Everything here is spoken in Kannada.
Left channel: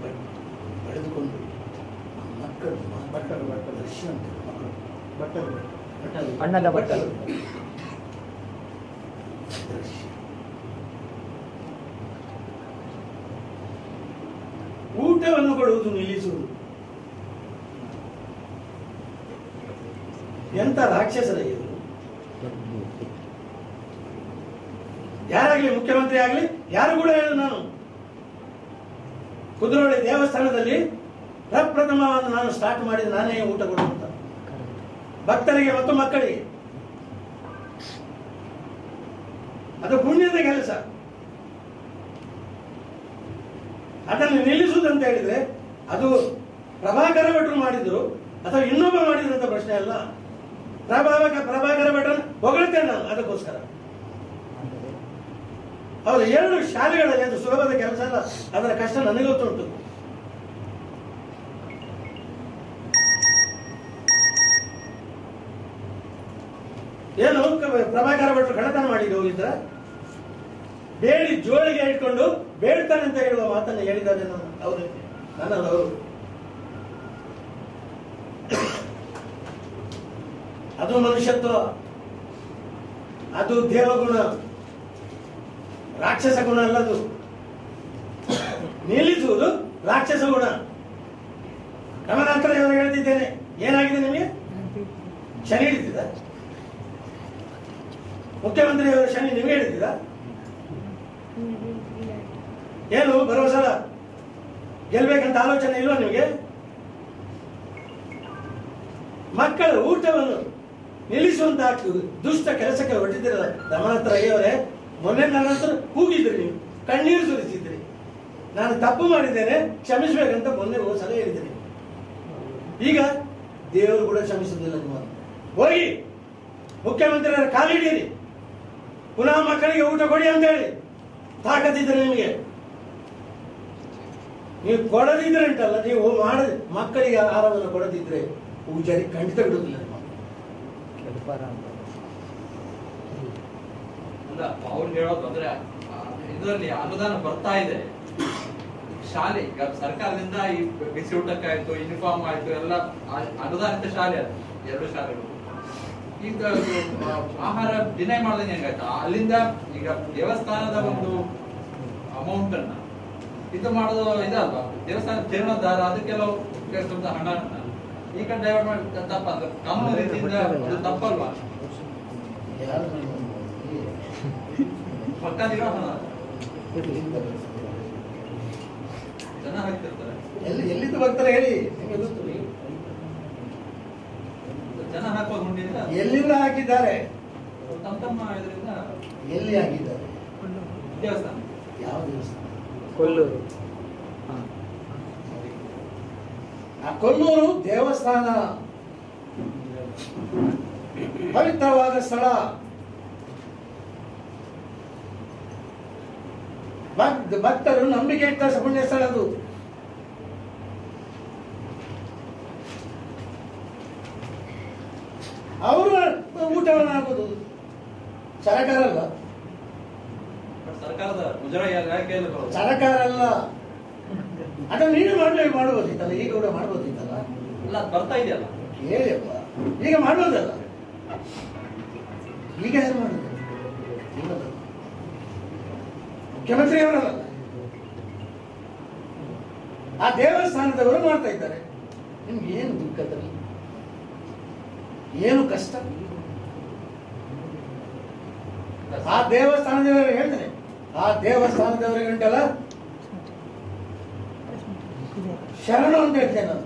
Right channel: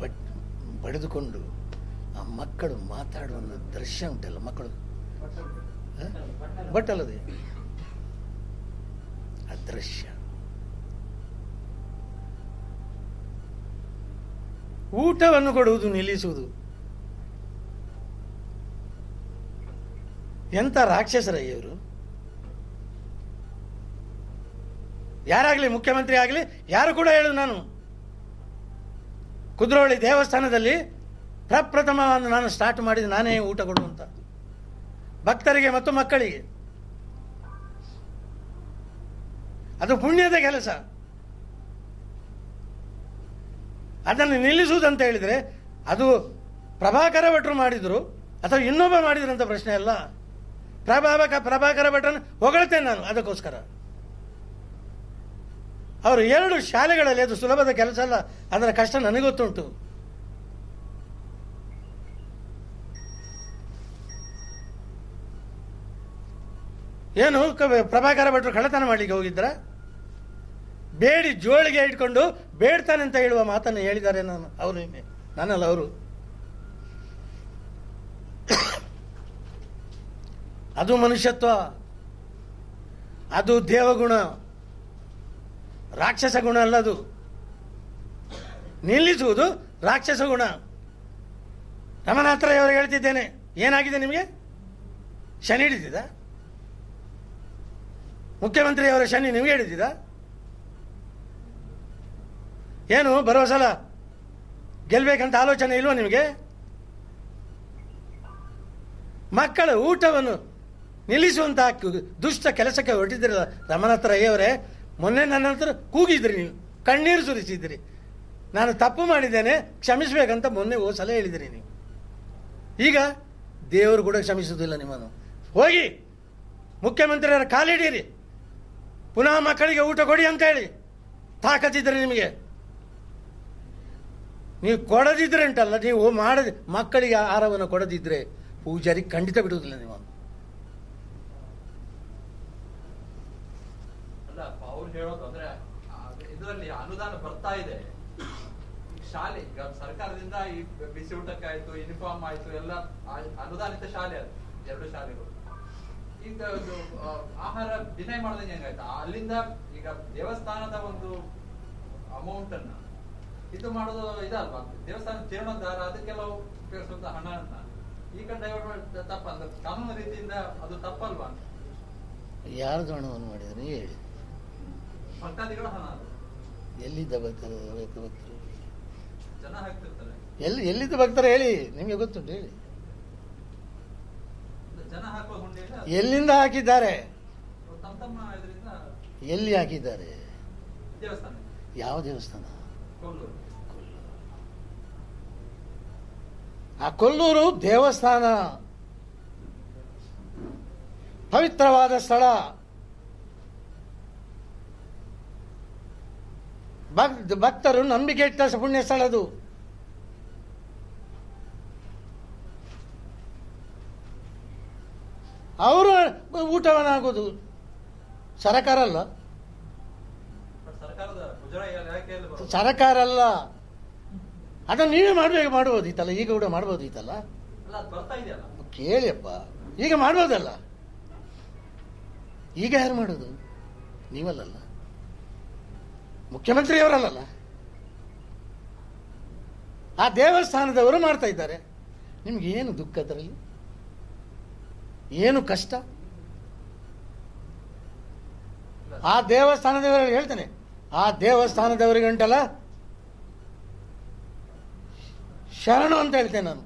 ಬಟ್ಟೆ ಬಡಿದುಕೊಂಡು ಆ ಮಕ್ಕಳು ಮಾತಾಡುವ ದೃಶ್ಯ ಉಂಟಲ್ಲ, ಮಕ್ಕಳು ಅಣ್ಣನ ಬಟ್ಟಲು ದೃಶ್ಯ. ಊಟವನ್ನು ಕೊಡುವುದು ನಿಲ್ಲಿಸುವುದು. ಎಂತ ರಾಕ್ಷಸರ ಇವರು. ಯಾರಾಗ್ಲಿ, ಮುಖ್ಯಮಂತ್ರಿ ಆಗಲಿ ಯಾರು ಕೂಡ ಹೇಳು, ನಾನು ಕುದ್ರೋಳಿ ದೇವಸ್ಥಾನದಲ್ಲಿ ಪ್ರಪ್ರಥಮವನ್ನು ನಾನು ಸ್ಟಾರ್ಟ್ ಮಾಡಿದ ನಾನೇ ಊಟ ಕೊಡುವಂತ ಭಕ್ತರಿಗೆ ಮತ್ತು ಮಕ್ಕಳಿಗೆ. ಅದು ಪುಣ್ಯದ ಕೆಲಸ. ಅದನ್ನು ನಿಲ್ಲಿಸುವುದಂತ ಹೇಳಿದ್ರೆ ಅದು ಪ್ರಭಾಕರ ಭಟ್ರು ಮಾಡಿದ್ರು ಅಥವಾ ಇನ್ನೊಬ್ಬ ಮಾಡಿದ್ರಂತ ಪ್ರಶ್ನೆ ಅಲ್ಲ. ಪ್ರಭಾಕರ ಭಟ್ರನ್ನು ಹೊಗಳ್ತೇನೆ ನಾನು ಅದಕ್ಕೋಸ್ಕರ. ಅವರು 2 ಶಾಲೆಗಳಲ್ಲಿ, ಅದು ಸುಲಭದ ಕೆಲಸ ಅಲ್ಲ, ಅದರ ಕಷ್ಟ ನನಗೆ ಗೊತ್ತುಂಟು. ಏನು ಪ್ರಭಾಕರ ಭಟ್ರು ಕಳ್ಳತನ ಮಾಡಿಗೆ ಹೋಗಿದ್ರ? ಬೇಡಿ ಜೋಳಿಗೆ ಇಟ್ಕೊಂಡು ಬೇಡ್ತಾನೆ ಅಂತ ಹೇಳುವ ಮಾತನ್ನು ಹೇಳಿದ್ದಾರೆ. ನಾನು ಅವರು ನನ್ನಲ್ಲ, ಅವರು. ಅದು ಮನುಷ್ಯತ್ವ, ಅದು ದೇವಗುಣ, ರಾಕ್ಷಸ ಗುಣ ಅಲ್ಲದು. ನಿಲ್ಲಿಸುವುದು ರಾಕ್ಷಸ ಗುಣ. ರಮಣಾಂತರ ಅವರು ಹೇಳ್ತಿದ್ದೇನೆ, ಏನಾಗಿದೆ ನಿಮಗೆ? ಶನಿ ಹಿಡಿದಿದ? ಮುಖ್ಯಮಂತ್ರಿ ಅವರ ಶನಿ ನಿಮಗೆ ಹಿಡಿದಿದ? ಏನು ಬರೋ ಸಲ ಗೆಲ್ಬೇಕಂತ ಆಲೋಚನೆ ಇಲ್ವಾ ನಿಮಗೆ? ಮಕ್ಕಳ ಊಟವನ್ನು ನಿಲ್ಲಿಸುವಂತಹ ದುಷ್ಟ ಕೆಲಸಕ್ಕೆ ಹೊರಟಿದ್ದಿರಲ್ಲ ರಮಣಾಂತರ ಅಯ್ಯವರೇ. ಮೊನ್ನೆ ನನ್ನ ಹತ್ರ ಕೂಗಿದ್ರಿ, ನೀವು ಕಣ್ಣೀರು ಸುರಿಸಿದ್ರಿ. ನಾನು ತಪ್ಪು ಮಾಡಿದ್ದೇನೆ, ಕ್ಷಮಿಸಬೇಕಂತ ಮೊನ್ನೆ ಸಲ ಹೇಳಿದ್ರಿ. ಈಗ ದೇವರು ಕೂಡ ಕ್ಷಮಿಸುವುದಿಲ್ಲ ನಿಮ್ಮನ್ನು. ಹೋಗಿ ಮುಖ್ಯಮಂತ್ರಿಯವರ ಕಾಲಿಡೀರಿ, ಪುನಃ ಮಕ್ಕಳಿಗೆ ಊಟ ಕೊಡಿ ಅಂತ ಹೇಳಿ. ತಾಕತ್ತಿದ್ದರೆ ನಿಮಗೆ, ನೀವು ಕೊಡದಿದ್ರೆ ಉಂಟಲ್ಲ, ನೀವು ಮಕ್ಕಳಿಗೆ ಆಹಾರವನ್ನು ಕೊಡದಿದ್ರೆ ಪೂಜಾರಿ ಖಂಡಿತ ಬಿಡುವುದಿಲ್ಲ ನಿಮ್ಮ. ಅವ್ರು ಹೇಳೋದು ಅಂದ್ರೆ ಇದರಲ್ಲಿ ಅನುದಾನ ಬರ್ತಾ ಇದೆ. ಶಾಲೆ ಸರ್ಕಾರದಿಂದ ಈ ಬಿಸಿ ಊಟಕ್ಕಾಯ್ತು, ಯೂನಿಫಾರ್ಮ್ ಆಯ್ತು, ಎಲ್ಲ ಅನುದಾನಿತ ಶಾಲೆ ಅದು 2 ಶಾಲೆಗಳು. ಈಗ ಆಹಾರ ಡಿನೈ ಮಾಡ್ದಂಗೆ ಹೆಂಗಾಯ್ತು? ಅಲ್ಲಿಂದ ಈಗ ದೇವಸ್ಥಾನದ ಒಂದು ಅಮೌಂಟ್ ಅನ್ನ ಇದು ಮಾಡೋದು ಇದಲ್ವಾ, ದೇವಸ್ಥಾನ ಜೀರ್ಣೋದ್ಧಾರ ಅದಕ್ಕೆಲ್ಲ ಉಪಯೋಗಿಸುವಂತ ಹಣ ಈಗ ಡೈವರ್ಟ್ ಮಾಡಿ ತಪ್ಪ, ಕಾನೂನು ರೀತಿಯಿಂದ ಅದು ತಪ್ಪಲ್ವಾ? ಯಾರು ಹಣ ಮಾಡಿದ್ರಿ? ಪಕ್ಕದಿರೋ ಹಣ ಎಲ್ಲಿಂದ ಬರ್ತದೆ? ಜನ ಹಾಕ್ತಿರ್ತಾರೆ. ಎಲ್ಲಿಂದ ಬರ್ತಾರೆ ಹೇಳಿ, ನಿಮಗೆ ಗೊತ್ತು. ಜನ ಹಾಕುವ ಹುಂಡಿಯಿಂದ ಎಲ್ಲಿಂದ ಹಾಕಿದ್ದಾರೆ? ತಮ್ಮ ಇದರಿಂದ. ಎಲ್ಲಿ ಹಾಕಿದ್ದಾರೆ? ದೇವಸ್ಥಾನ. ಯಾವ ದೇವಸ್ಥಾನ? ಕೊಲ್ಲೂರು. ಆ ಕೊಲ್ಲೂರು ದೇವಸ್ಥಾನ ಪವಿತ್ರವಾದ ಸ್ಥಳ. ಭಕ್ತರು ನಂಬಿಕೆ ಇಟ್ಟ ಪುಣ್ಯ ಸ್ಥಳ ಅದು. ಅವರು ಊಟವನ್ನಾಗೋದು ಸರಕಾರ ಅಲ್ಲ, ಸರ್ಕಾರದ ಮುಜರಾಯಿ ಇಲಾಖೆಯಲ್ಲಿ ಬರೋದು. ಸರಕಾರ ಅಲ್ಲ. ಅದನ್ನು ನೀವೇ ಮಾಡಬಹುದಿತ್ತಲ್ಲ, ಈಗ ಕೂಡ ಮಾಡಬಹುದಿತ್ತಲ್ಲ. ಅಲ್ಲ, ಅದು ಬರ್ತಾ ಇದೆಯಲ್ಲ. ಕೇಳಿಯಪ್ಪ, ಈಗ ಮಾಡ್ಬೋದಲ್ಲ. ಈಗ ಯಾರು ಮಾಡುದು? ಇವಲ್ಲ, ಮುಖ್ಯಮಂತ್ರಿಯವರಲ್ಲ, ಆ ದೇವಸ್ಥಾನದವರು ಮಾಡ್ತಾ ಇದ್ದಾರೆ. ನಿಮ್ಗೆ ಏನು ದುಃಖದಲ್ಲಿ, ಏನು ಕಷ್ಟ? ಆ ದೇವಸ್ಥಾನದವರಿಗೆ ಹೇಳ್ತೇನೆ, ಆ ದೇವಸ್ಥಾನದವರಿಗೆ ಉಂಟಲ್ಲ ಶರಣು ಅಂತ ಹೇಳ್ತೇನೆ ನಾನು.